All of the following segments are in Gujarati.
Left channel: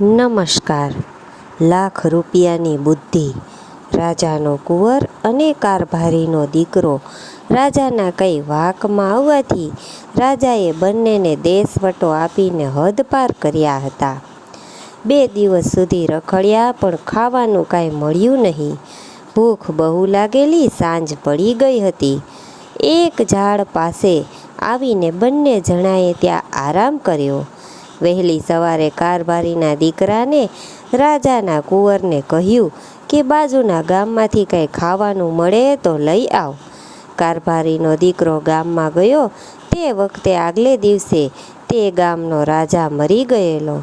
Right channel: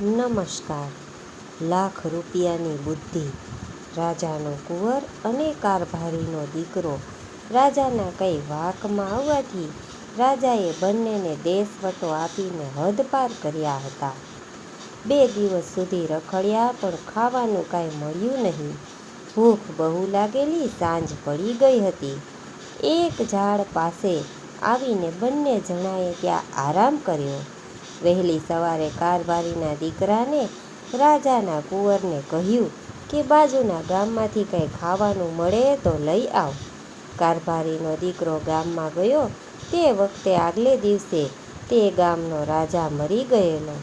નમસ્કાર. લાખ રૂપિયાની બુદ્ધિ. રાજાનો કુંવર અને કારભારીનો દીકરો. રાજાના કંઈ વાંકમાં આવવાથી રાજાએ બંનેને દેશવટો આપીને હદપાર કર્યા હતા. 2 દિવસ સુધી રખડ્યા પણ ખાવાનું કાંઈ મળ્યું નહીં. ભૂખ બહુ લાગેલી સાંજ પડી ગઈ હતી. એક ઝાડ પાસે આવીને બંને જણાએ ત્યાં આરામ કર્યો. વહેલી સવારે કારભારીના દીકરાને રાજાના કુંવરને કહ્યું કે બાજુના ગામમાંથી કંઈ ખાવાનું મળે તો લઈ આવ. કારભારીનો દીકરો ગામમાં ગયો તે વખતે આગલે દિવસે તે ગામનો રાજા મરી ગયેલો.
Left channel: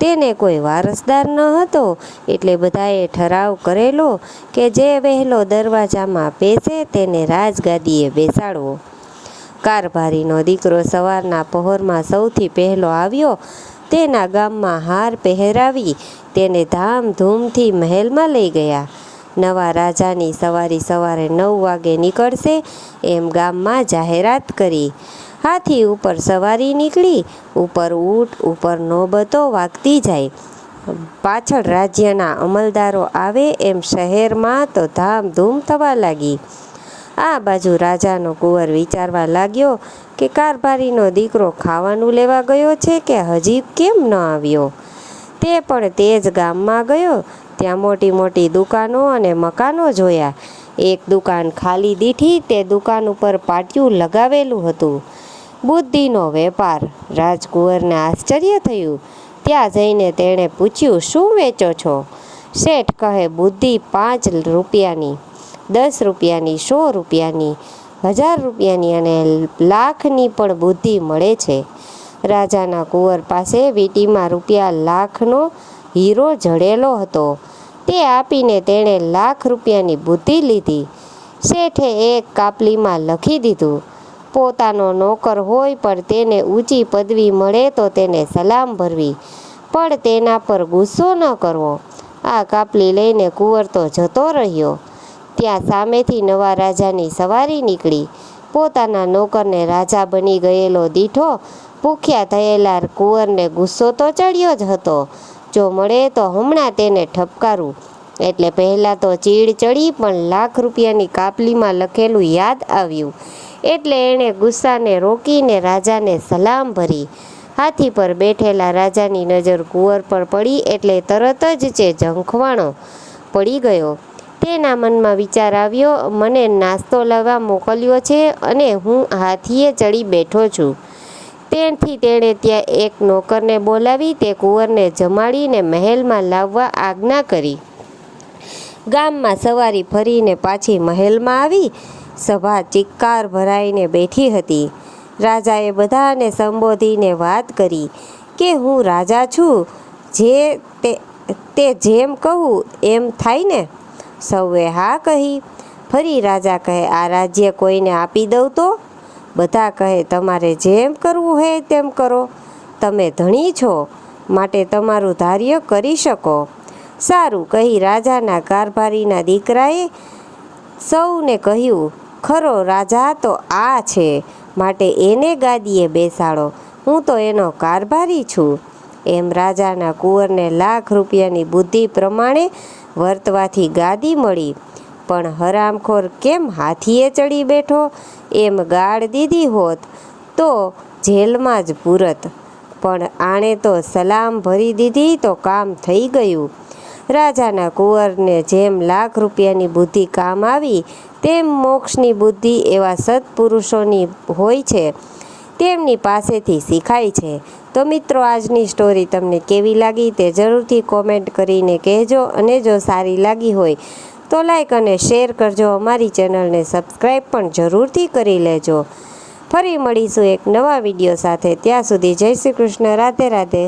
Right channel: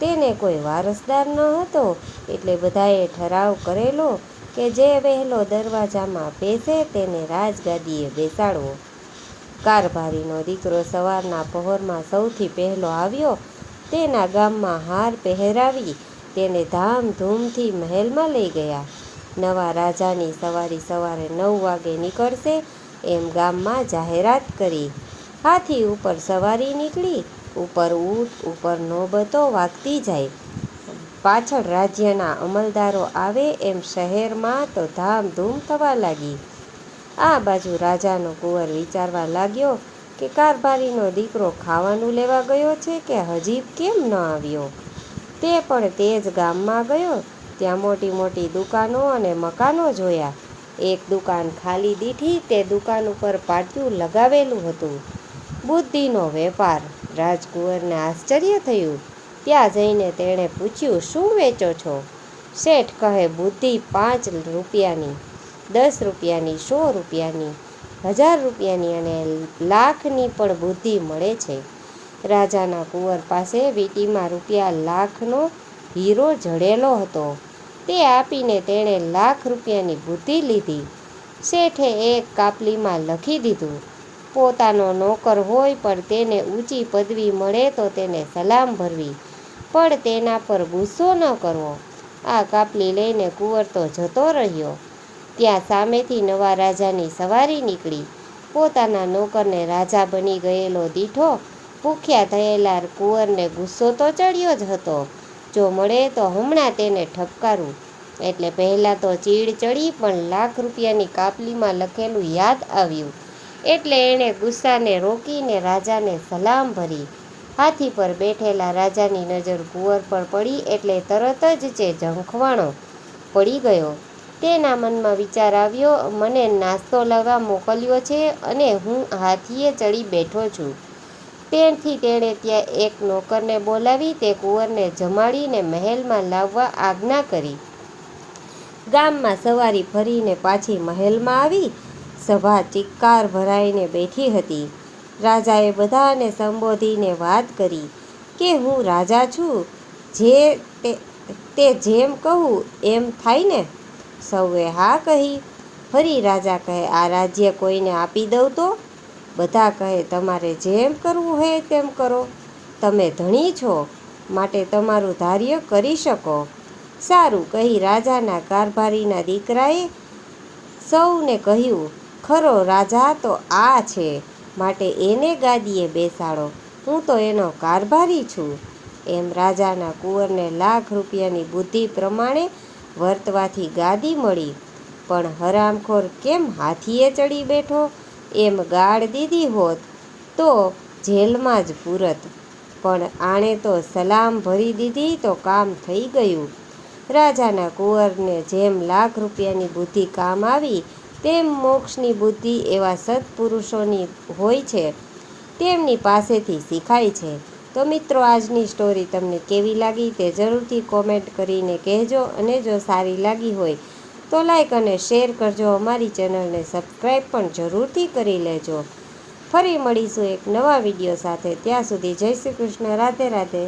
તેને કોઈ વારસદાર ન હતો એટલે બધાએ ઠરાવ કરેલો કે જે વહેલો દરવાજામાં બેસે તેને રાજગાદીએ બેસાડવો. કારભારીનો દીકરો સવારના પહોરમાં સૌથી પહેલો આવ્યો. તેના ગામમાં હાર પહેરાવી તેને ધામધૂમથી મહેલમાં લઈ ગયા. નવા રાજાની સવારે 9 વાગે નીકળશે એમ ગામમાં જાહેરાત કરી. હાથી ઉપર સવારી નીકળી. ઉપર ઊંટ, ઉપર નોબતો વાગતી જાય. પાછળ રાજ્યના અમલદારો આવે એમ શહેરમાં તો ધામધૂમ થવા લાગી. આ બાજુ રાજાનો કુંવર વિચારવા લાગ્યો કે કારભારીનો દીકરો ખાવાનું લેવા ગયો છે કે હજી કેમ ન આવ્યો. તે પણ તે જ ગામમાં ગયો. ત્યાં મોટી મોટી દુકાનો અને મકાનો જોયા. એક દુકાન ખાલી દીઠી. તે દુકાન ઉપર પાટિયું લગાવેલું હતું. બુદ્ધિનો વેપાર. રાજકુંવરને આશ્ચર્ય થયું. ત્યાં જઈને તેણે પૂછ્યું, શું વેચો છો? શેઠ કહે, બુદ્ધિ 5 રૂપિયાની, 10 રૂપિયાની, 100 રૂપિયાની, 1000 રૂપિયાની અને લાખની પણ બુદ્ધિ મળે છે. રાજાના કુંવર પાસે વીંટીમાં રૂપિયા લાખનો હીરો જડેલો હતો. તે આપીને તેણે લાખ રૂપિયાની બુદ્ધિ લીધી. શેઠે એક કાપલીમાં લખી દીધું, પોતાનો નોકર હોય પણ તેને ઊંચી પદવી મળે તો તેને સલામ ભરવી, પણ તેના પર ગુસ્સો ન કરવો. આ કાપલી લઈને કુંવર તો જતો રહ્યો. ત્યાં સામેથી નવા રાજાની સવારી નીકળી. પોતાના નોકરને રાજા બની ગયેલો દીઠો ભૂખ્યા થયેલા કુંવરને ગુસ્સો તો ચડ્યો જ હતો. જો મળે તો હમણાં તેને ઠપકારું. એટલે પહેલાં તો ચીડ ચડી, પણ લાખ રૂપિયાની કાપલીમાં લખેલું યાદ આવ્યું એટલે એણે ગુસ્સાને રોકીને રાજાને સલામ ભરી. હાથી પર બેઠેલા રાજાની નજર કુંવર પર પડી એટલે તરત જ તે ઝંખવાણો પડી ગયો. તેના મનમાં વિચાર આવ્યો, મને નાસ્તો લાવવા મોકલ્યો છે અને હું હાથીએ ચડી બેઠો છું. તેથી તેણે ત્યાં એક નોકરને બોલાવી તે કુંવરને જમાડીને મહેલમાં લાવવા આજ્ઞા કરી. ગામમાં સવારી ફરીને પાછી મહેલમાં આવી. સભા ચિક્કાર ભરાઈને બેઠી હતી. રાજાએ બધાને સંબોધીને વાત કરી કે હું રાજા છું, તે જેમ કહું એમ થાય ને? સૌએ હા કહી. ફરી રાજા કહે, આ રાજ્ય કોઈને આપી દઉં તો? બધા કહે, તમારે જેમ કરવું હોય તેમ કરો. તમે ધણી છો માટે તમારું ધાર્ય કરી શકો. સારું કહી રાજાના કારભારીના દીકરાએ સૌને કહ્યું, ખરો રાજા તો આ છે માટે એને ગાદીએ બેસાડો. હું તો એનો કારભારી છું. એમ રાજાના કુંવરને લાખ રૂપિયાની બુદ્ધિ પ્રમાણે વર્તવાથી ગાદી મળી. પણ હરામખોર કેમ હાથીએ ચડી બેઠો એમ ગાળ દીધી હોત તો જેલમાં જ પૂરત. પણ આણે તો સલામ ભરી દીધી તો કામ થઈ ગયું. રાજાના કુંવરને જેમ લાખ રૂપિયાની બુદ્ધિ કામ આવી તેમ મોક્ષની બુદ્ધિ એવા સત્પુરુષોની હોય છે, તેમની પાસેથી શીખાય છે. તો મિત્રો, આજની સ્ટોરી તમને કેવી લાગી તે જરૂરથી કોમેન્ટ કરીને કહેજો. અને જો સારી લાગી હોય તો લાઈક અને શેર કરજો. અમારી ચેનલને સબસ્ક્રાઈબ પણ જરૂરથી કરી લેજો. ફરી મળીશું એક નવા વિડીયો સાથે. ત્યાં સુધી જય શ્રી કૃષ્ણ. રાધે રાધે.